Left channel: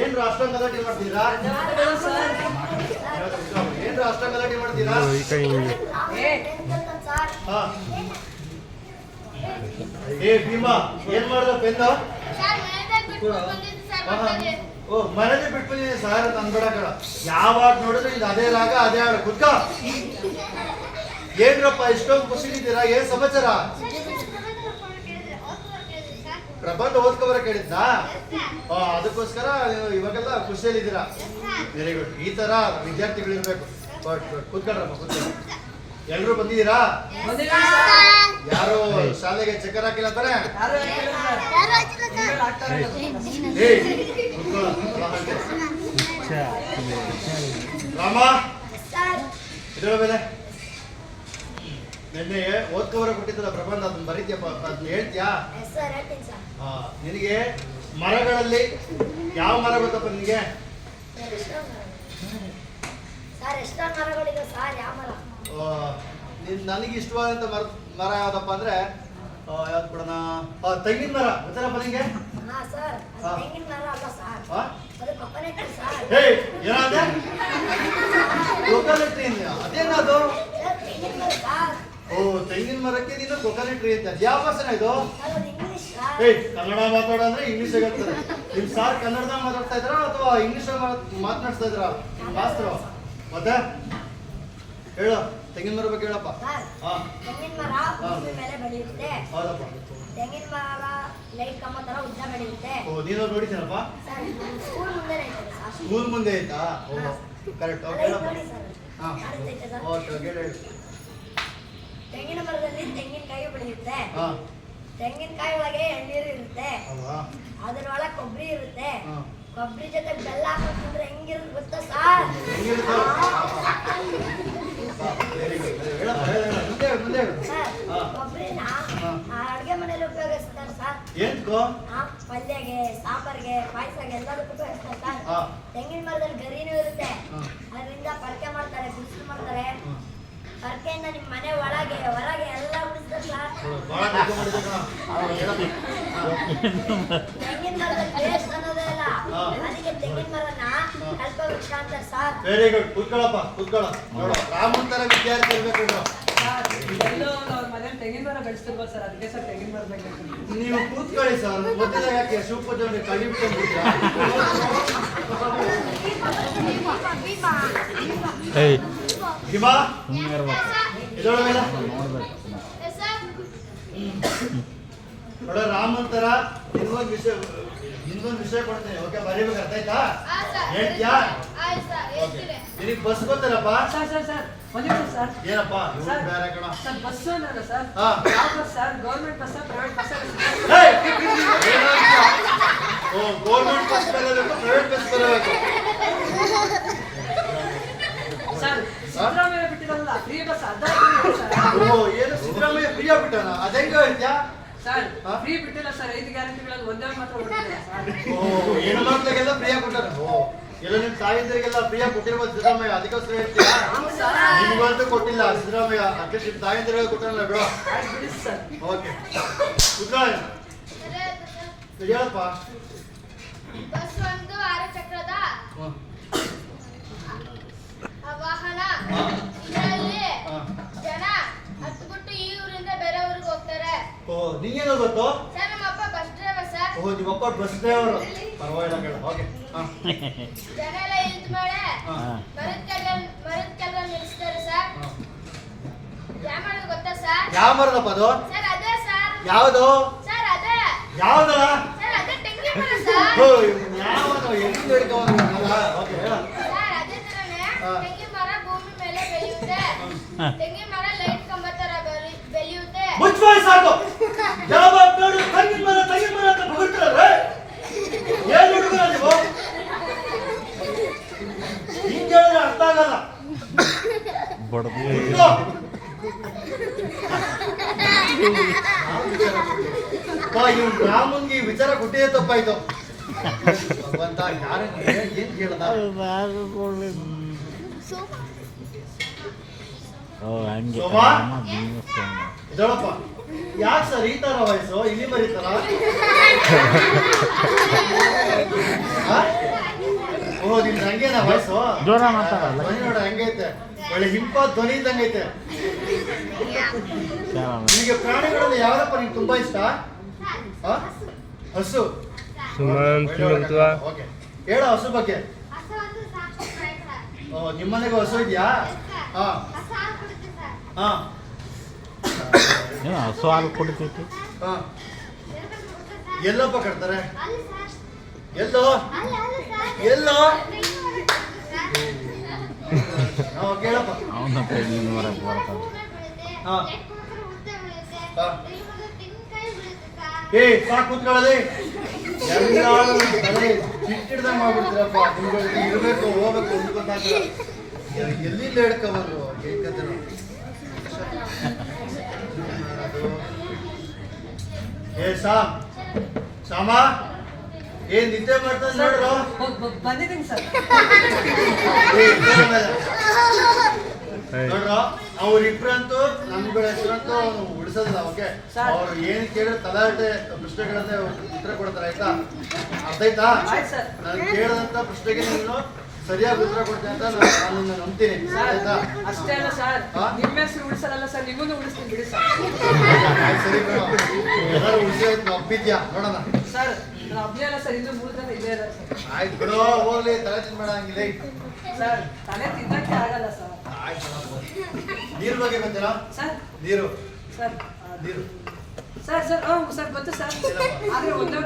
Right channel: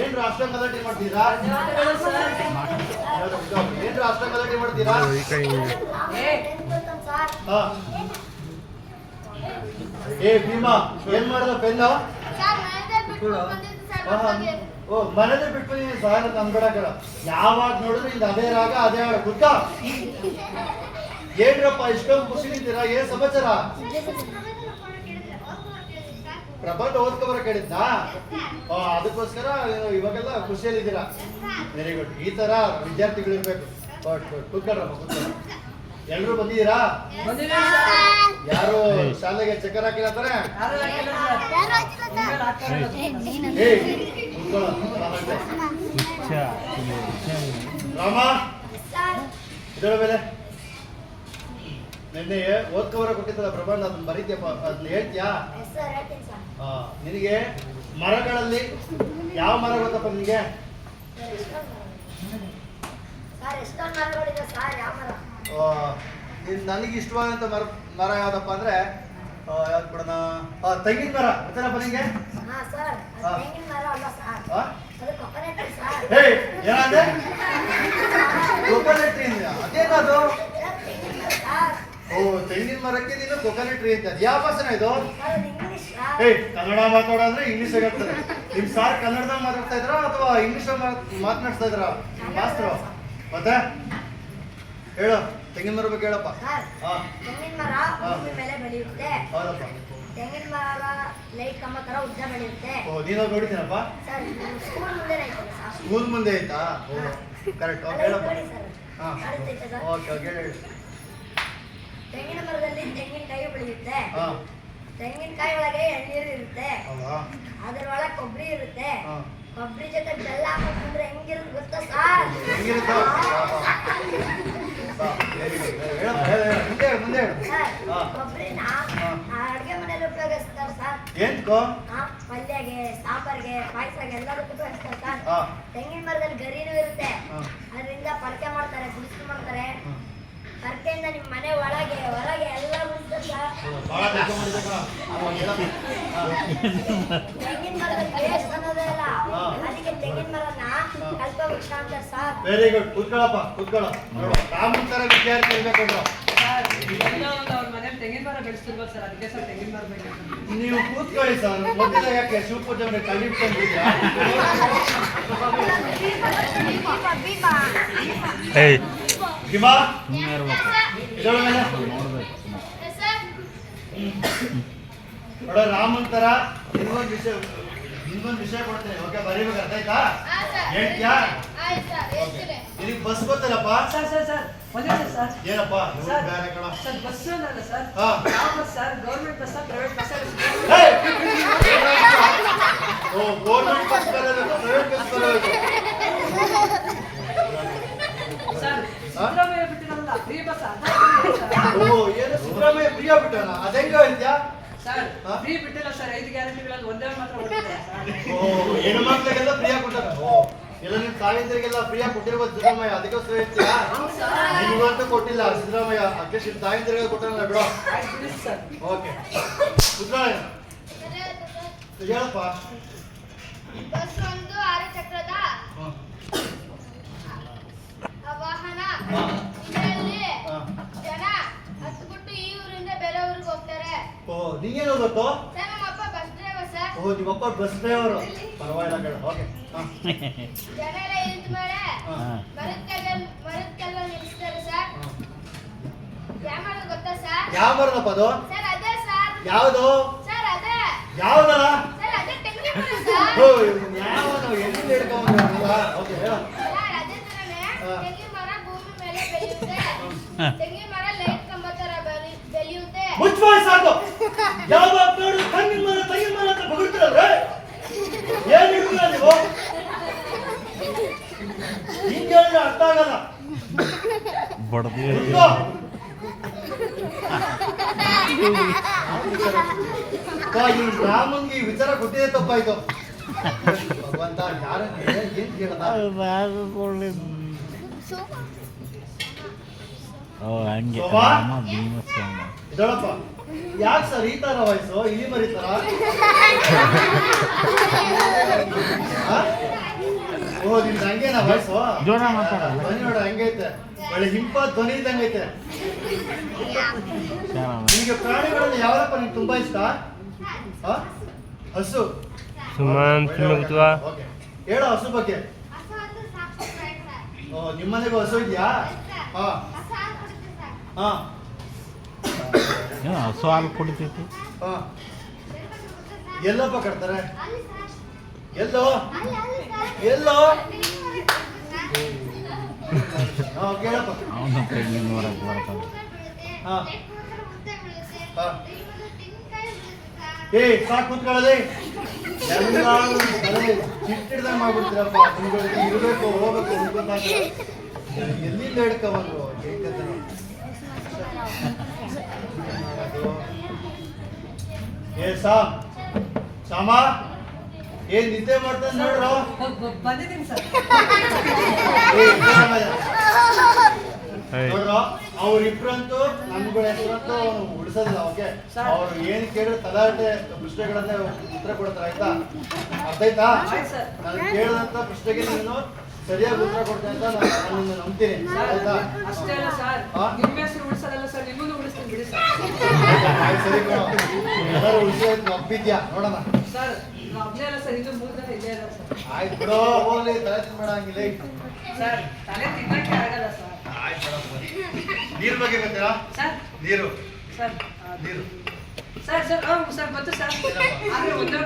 ಏನ್ರು ಅಷ್ಟೊಂದು ಗಲಾಟೆ ಮಾಡ್ತೀರಾ? ಏನ್ರು ಅಷ್ಟೊಂದು ಗಲಾಟೆ ಮಾಡ್ತೀರಾ? ಏ ಭೀಮಾ, ಏನ್ ಮಾಡಿದ ಪೆನ್ನು? ಓ, ಮನೇಲಿ ಬಿಟ್ಟು ಸರ್ ಅನ್ಬೇಡಕಲ್ಲ. ಯಾವಾಗ ನೋಡಿದ್ರೆ ಇದು ಅದೇ ರಾಗ ಅದೇ ಹಾಡು. ಕುತ್ಕ. ಏನ್ರಪ್ಪ ಇಷ್ಟೊಂದು ಖುಷಿಲಿದ್ದೀರಾ? ಏನ್ ಸಮಾಚಾರ? ಪ್ರಬಂಧ ಓದ್ಕೊಬರ ಕೇಳಿದ್ನಾ? ಅದಕ್ಕೋಸ್ಕರ ಇವಾಗೆಲ್ಲ ಖುಷಿಯಲ್ಲಿದ್ದೀರಾ. Very good. ಈ ತರ ವಿದ್ಯಾರ್ಥಿಗಳು ಇರ್ಬೇಕು. ಕೂತ್ಕೊಳ್ರಮ್ಮ, ಕೂತ್ಕೊಳ್ಳ. ಎಲ್ರು ಬಂದಿದ್ದೀರಾ? ಯಾರು ಶಾಲೆಗೆ ಚಕ್ಕರ್ ಹಾಕಿಲ್ಲ ತಾನೆ? ರಾಮ, ಇದರ ಮೇಲೆ ನಿನ್ನೆ ಓದ್ಕೋವರ ಕೊಟ್ಟಿದ್ದಲ್ಲ ಪ್ರಬಂಧ, ಅದನ್ನ ಬರೀತೀಯಪ್ಪ, ಅದನ್ನ ಹೇಳ್ತೀಯಾ? ನಿನಗೆ ಮರಗಳಲ್ಲಿ ಯಾವ ಮರ ಗೊತ್ತಪ್ಪ ನಿನಗೆ? ನನಗೆ ಇಷ್ಟವಾದಂತ ಮರ ಯಾವ್ದಪ್ಪ ಅಂದ್ರೆ ಯಾವ್ದು ಬಿಡೋಣ, ತೆಂಗಿನ ಮರ ಗೊತ್ತಲ್ಲಪ್ಪ ನಿಂಗೆ? ಏನಾದ್ರೆ ಕೊಕೊನಟ್ ಟ್ರೀ ಅದೇನದು? ಓ, ತೆಂಗಿನ ಮರಕ್ಕೆ ನೀನು ಕೊಕೊನಟ್ ಟ್ರೀ ಅಂತ. ಯಾವ ಭಾಷೆನ ಇದು? ಕನ್ನಡ ಮಾತಾಡೋ ಅಂದ್ರೆ ಇಂಗ್ಲಿಷ್ ಆಗ್ತದೆ. ನಿಮ್ ಸಾರ್ ಕನ್ನಡದಾಗ ಮಾತಾಡ್ತಾ ಇದ್ರ ಅಥವಾ ಇಂಗ್ಲಿಷ್ ಮಾತನಾಡ್ತಾ ಇದ್ರ ಮಾಸ್ತರು? ಮತ್ತೆ ಹೇಳು, ತೆಂಗಿನ ಮರ ಬಗ್ಗೆ ಹೇಳಪ್ಪ. ತೆಂಗಿನ ಮರ ಭೂಮಿ ಮೇಲೆ ಬೆಳೆಯುತ್ತೆ. ಹೌದಪ್ಪ. ತೆಂಗಿನ ಮರ ಲೈಟ್ ಕಂಬ ತರ ಉದ್ದ ಬೆಳೆಯುತ್ತೆ. ಓ, ನೀನು ನೋಡಿದ್ದೀನಪ್ಪ? ಸ್ಕೂಲ್ ಮುಂದೆ ಐತೆ. ಸ್ಕೂಲ್ ಮುಂದೆ ಐತಾ? ಓ, ಕರೆಕ್ಟ್. ಹೇಳಪ್ಪ. ಓಕೆ, ಹೇಳಿ. ತೆಂಗಿನ ಮರದಲ್ಲಿ ತೆಂಗಿನಕಾಯಿ ಬೆಳೆಯುತ್ತೆ. ತೆಂಗಿನಕಾಯಿ ಒಳಗೆ ಎಳ್ನೀರು ಇರುತ್ತೆ. ಅದರೊಳಗೆ ಕೊಬ್ಬರಿ ಇರುತ್ತೆ. ಕೊಬ್ಬರಿ ಜೊತೆ ಬೆಲ್ಲ ಹಾಕಿದ್ರೆ ಹೆಂಗಿರುತ್ತೆ ಗೊತ್ತಾ ಸರ್? ಕೊಬ್ಬರಿನ ಅಡ್ಗೆ ಮನೇಲಿ ಉಪಯೋಗಿಸ್ತಾರೆ ಸರ್. ಪಲ್ಯಗೆ, ಸಾಂಬಾರ್ಗೆ, ಪಾಯಸಗೆ ಎಲ್ಲದಕ್ಕೂ ಉಪಯೋಗಿಸ್ತಾರೆ ಸರ್. ತೆಂಗಿನ ಮರದಲ್ಲಿ ಗರಿನೂ ಇರುತ್ತೆ. ಅದರಿಂದ ಪರಕೆ ಮಾಡ್ತಾರೆ, ಗುಡಿಸಲು ಮಾಡ್ತಾರೆ. ಪರಕೆಯಿಂದ ನಿಮ್ಮ ಮನೆ ಒಳಗೆ ಹೊರಗೆ ಎಲ್ಲ ಉಳಿಸ್ತಾರೆ ಸರ್. ತೆಂಗಿನ ಮರದಲ್ಲಿ ವೇಸ್ಟ್ ಅನ್ನೋದೇ ಇಲ್ಲ, ಅದಕ್ಕೆ ತೆಂಗಿನ ಮರನ ಕಲ್ಪವೃಕ್ಷ ಅಂತಾರೆ ಸರ್. Very good. ಕೂತ್ಕೊಳ್ಳಪ್ಪ, ಕೂತ್ಕೊಳ್ಳ. ನೋಡು, ರಾಮನ್ ತರ ವಿದ್ಯಾರ್ಥಿ ಇರ್ಬೇಕು. ನೀವು ಕೂತ್ಕೊಳ್ಳಿ ಸರ್. ಮೊದಲ ಯಾಕೆ ಶಿವಪೂಜೆ ಕೈ ಇಟ್ಕೊಂಡ್ಬಿಡ್ತೀರಾ? ಭೀಮಾ, ಇದೊಳಗೆ ನೋಡ, ರಾಮನ್ ತರ ನಿಮ್ಗೊಂದು ವಿಷಯ ಕೊಡ್ತೇನೆ. ಓಕೆ, ಬರೀಬೇಕು. ಅರ್ಥ ಆಯ್ತಾ? ಹೇಳ್ತೀಯಾ? ನಿನಗೆ ಬಸ್ ಗೊತ್ತಲ್ಲಪ್ಪ? ಏನಪ್ಪ? ಬಸ್ ಅಂದ್ರೆ ಸರ್ ಯಾವ bus sir? Government bus, private bus? ಓ, ಗೌರ್ಮೆಂಟ್ ಬಸ್ ಬರಬೇಕು, ಪ್ರೈವೇಟ್ ಬಸ್ ಬರಬೇಕು. ಸರ್, ಸಿದ್ದರಾಮಯ್ಯ ಬಿಟ್ಟಿರಲ್ಲ ಫ್ರೀ ಬಸ್. ಓ, ಏನು ಸಿದ್ದರಾಮಯ್ಯ ಫ್ರೀ ಆಗ್ಬಿಟ್ಟಾನ? ಅದೆಂಗ ಹೇಳ್ತೀಯಾ ಸರ್? ಫ್ರೀ ಬಿಟ್ಟಿಲ್ಲ ಸರ್, 5 ಗ್ಯಾರಂಟಿಗಳಲ್ಲಿ ಒಂದೇ ಮಾತ್ರ ಕೊಟ್ಟಿದ್ದಾರೆ ಸರ್. ಓ, ಹೆಣ್ಣು ಮಕ್ಕಳಿಗೆಲ್ಲ ಫ್ರೀ ಕೊಟ್ಟಾರ. ಓ, ಎಲ್ಲ ನಿಮ್ ತಾಯಿಂದರಿಗೆಲ್ಲ ಫ್ರೀ ಕೊಟ್ಟಿರ್ಬೋದು ಸಿದ್ದರಾಮಯ್ಯ, ಅದಕ್ಕೋಸ್ಕರ ಹೇಳ್ತೀಯಾ? ನಿಮ್ಗಂತೂ ಕೊಟ್ಟಿಲ್ಲ ಸಿದ್ದರಾಮಯ್ಯ, ಅದಕ್ಕೆ ನಿಮ್ ತಾಯಿಂದರಿಗೆ ಕೊಟ್ಟಾನ ಬಿಡೋ. ಓಕೆ, ಕುತ್ಕೊಳ್ಳ. ಹೇಳಪ್ಪ. ಬಸ್ ಒಂದು 6 ಚಕ್ರದ ವಾಹನ. ಇದರಲ್ಲಿ ಜನ ಹತ್ಬಿಟ್ಟು ಈ ಊರಿಂದ ಬೇರೆ ಊರಿಗೆ ಹೋಗ್ತಾರೆ. ಓ, ನೀನೇನೋ ಗೊತ್ತು? ಸರ್, ನಮ್ಮ ಅಪ್ಪ ಬಸ್ ಡ್ರೈವರ್ ಸರ್. ಓ, ನಿಮ್ಮಪ್ಪ ಬಸ್ ಡ್ರೈವರು. ಪರವಾಗಿಲ್ಲ ಕೇಳ. ಓಕೆ. ಜನ ಎಲ್ಲ ಇಳಿದ ಮೇಲೆ ಮರದ ಕೆಳಗಡೆ ನಿಲ್ಲಿಸ್ತಾರೆ ಸರ್. ಯಾವ ಮರ ಗೊತ್ತಾ ಸರ್? ಯಾವ ಮರದಪ್ಪ ಅದು? ಸರ್ ಅದೇ ಸರ್. ಯಾವುದು ಸರ್? ಅದೇ. ಯಾವ್ದಲ್ಲ? ಸರ್ ಅದೇ ತೆಂಗಿನ ಮರ ಸರ್. ಓ, ಯಾವನು ಎಲ್ಲಿಂದ ಹಿಡ್ಕೊಂಡ್ರಲ್ಲ? ಓಕೆ, ಹೇಳ. ಸರ್ ಅದೇ ತರನೇ ತೆಂಗಿನ ಮರ ಭೂಮಿ ಮೇಲೆ ಬೆಳೆಯುತ್ತೆ. ತೆಂಗಿನ ಮರ ಲೈಟ್ ಕಂಬ ತರ ಬೆಳೆಯುತ್ತೆ. ಮುಚ್ಚಬಾಯ್ ಸಾಕು. ಯಾವಾಗ ನೋಡು ತೆಂಗಿನ ಮರ ಅಂತ ಬಗುಳ್ತಿರಲ್ಲ. ಏನ್ ಹುಡುಗರ ನೀವು? ಹಿಂಗೆ ಹೇಳಿದ್ರೆ ಅರ್ಥ ಆಗಲ್ಲ. ಇವ್ ರಾಮನ್ಗೆ ಈ ವಿಚಾರ ಕೊಟ್ಟಿದೆ ತಪ್ಪಾಯ್ತು. ಭಗವಂತ, ಯಾರನ್ನ ಏನ್ ಕೇಳದ? ಹಂಗೆ ಶೋಭಾ? ಬಿಸ್ನೆಸ್ ಇದಳಪ್ಪ ಯಾಕೆ ಸರ್ ಈ ತರ ವಯಸ್ಸು ಇಲ್ಲಿ ಮರಿತಾರ ಓ ನಿಮ್ದು ಹಂಗೇನಾ ವಯಸ್ಸು ಜೋರ ಮಾತಾಡಲ್ಲ ಧ್ವನಿ ನೋಡ ಹಂಗೈತೆ ಒಳ್ಳೆ ಹಿಂಪ ಧ್ವನಿ ಇದ್ದಂಗೈತೆ ನಿಮಗೆ ಪ್ರಾಣಿಗಳಲ್ಲಿ ಯಾವ್ದಪ್ಪ ನಿಮ್ಗೆ ತುಂಬಾ ಇಷ್ಟ ಆ? ಹಸು ಓಕೆ ಹೇಳ ಹಸು ಬಗ್ಗೆ ಓ ನಿಮ್ಮನೆಗೂ ಹಸು ಇದೆಯಾ ಹಾ ಹಾ ಹಸು ಹಾಲು ಕುಡಿತೈತಿ ಹಾ ಎಲ್ಲಪ್ಪ ಕಟ್ತಾರೆ ಎಲ್ಲೋ ಎಲ್ಲೋ ಹಾ ಕೇಳಪ್ಪ ಅವನ ತೆಂಗಿನ ಮರಕ್ಕೆ ಬರ್ತಾನೆ ಹಾ ಹಾ ಏ ಸಾಕು ಕೂತ್ಕೊಳ್ಳದೆ ಎಲ್ಲಾರು ತಲೆ ಚಿಟ್ಟಿಡ್ದಂಗೆ ಮಾಡ್ಬಿಡ್ತೀರಪ್ಪ ನಿಮ್ಗೆ ಇರಬೇಕು ಹೋಗ್ಬೇಕು ನಿಮ್ಗೆ ಗೊತ್ತಾಗ್ತದೆ ಎಲ್ಲಿಂದ ಹಿಡ್ಕೊಬಂದು ಏನ್ ಕಥೆನೋ ಏ ಶಾಮ ಏನ್ ನಿದ್ದೆ ಮಾಡ್ತಾನೆ ನೋಡ್ರು ಬಂದಿದ್ದೀನಿ ಸರ್ ನೋಡ್ರು ಅವ್ರಿಬ್ರಂತೂ ನಮ್ಗಳ ಹೆಸರಂತೂ ಉಳಿಸೋದಿಲ್ಲ ಓಕೆ ಅವ್ರು ಏನ್ ಕೇಳಿದ್ರೆ ತಲಾಟೆ ಪ್ರಶ್ನೆಗಳನ್ನೇ ಉತ್ತರ ಕೊಡ್ತಾರೆ ಆಯ್ತಾ ಅರ್ಥ ಆಯ್ತಾ ಆಯ್ತು ಸರ್ ನಾನು ಕೇಳಿದಂತ ಪ್ರಶ್ನೆಗೆ ನೀನು ಸರಿಯಾಗಿ ಉತ್ತರ ಕೊಡ್ತೇನೆ ಅಂತ ನಾನು ನಿನ್ನ ನಂಬ್ತೀನಿ ಆಯ್ತಾ ಅಷ್ಟೇ ಅಲ್ಲ ಸರ್ ಹಾ? ನಿಮ್ಮ ಹೆಸರು ಉಳಿಸಲ್ಲ ಸರ್ ನಿಮ್ಮನ್ನು ಉಳಿಸ್ತೀನಿ ಬಿಡಿ ಸರ್ ಆಯ್ತು, ಸರಿ ಕಣೋ ಎಲ್ಲರೂ ಉಳಿಸಿ ಆಯ್ತು ಒಪ್ಪಿದ್ಯಾ ನೋಡೋಣ ಸರ್ ನಾನು ಒಬ್ಬನೇ ಅಲ್ಲ ಸರ್ ಇನ್ನೂ 3 ಜನ ಇಲ್ಲೇ ಇದ್ದಾರೆ ಸರ್ ಆಯ್ತು ಬಿಡೋ ಹೋಗ್ಲಿ ತಲೆ ತಿನ್ಬೇಡ ಹಂಗಿಲ್ಲ ಸರ್ ತಲೆ ತಿನ್ನಕ್ಕೆ ಆಗಲ್ಲ ಸರ್ ಆಯ್ತು ನೀರ್ ಬಗ್ಗೆ ಗೊತ್ತೀರಾ ಸರ್ ನೀರು ಸರ್ ನೀರು ಸರ್ ಸರ್ ಗೊತ್ತು ಸರ್ ಆದರೆ ಒಂದೇ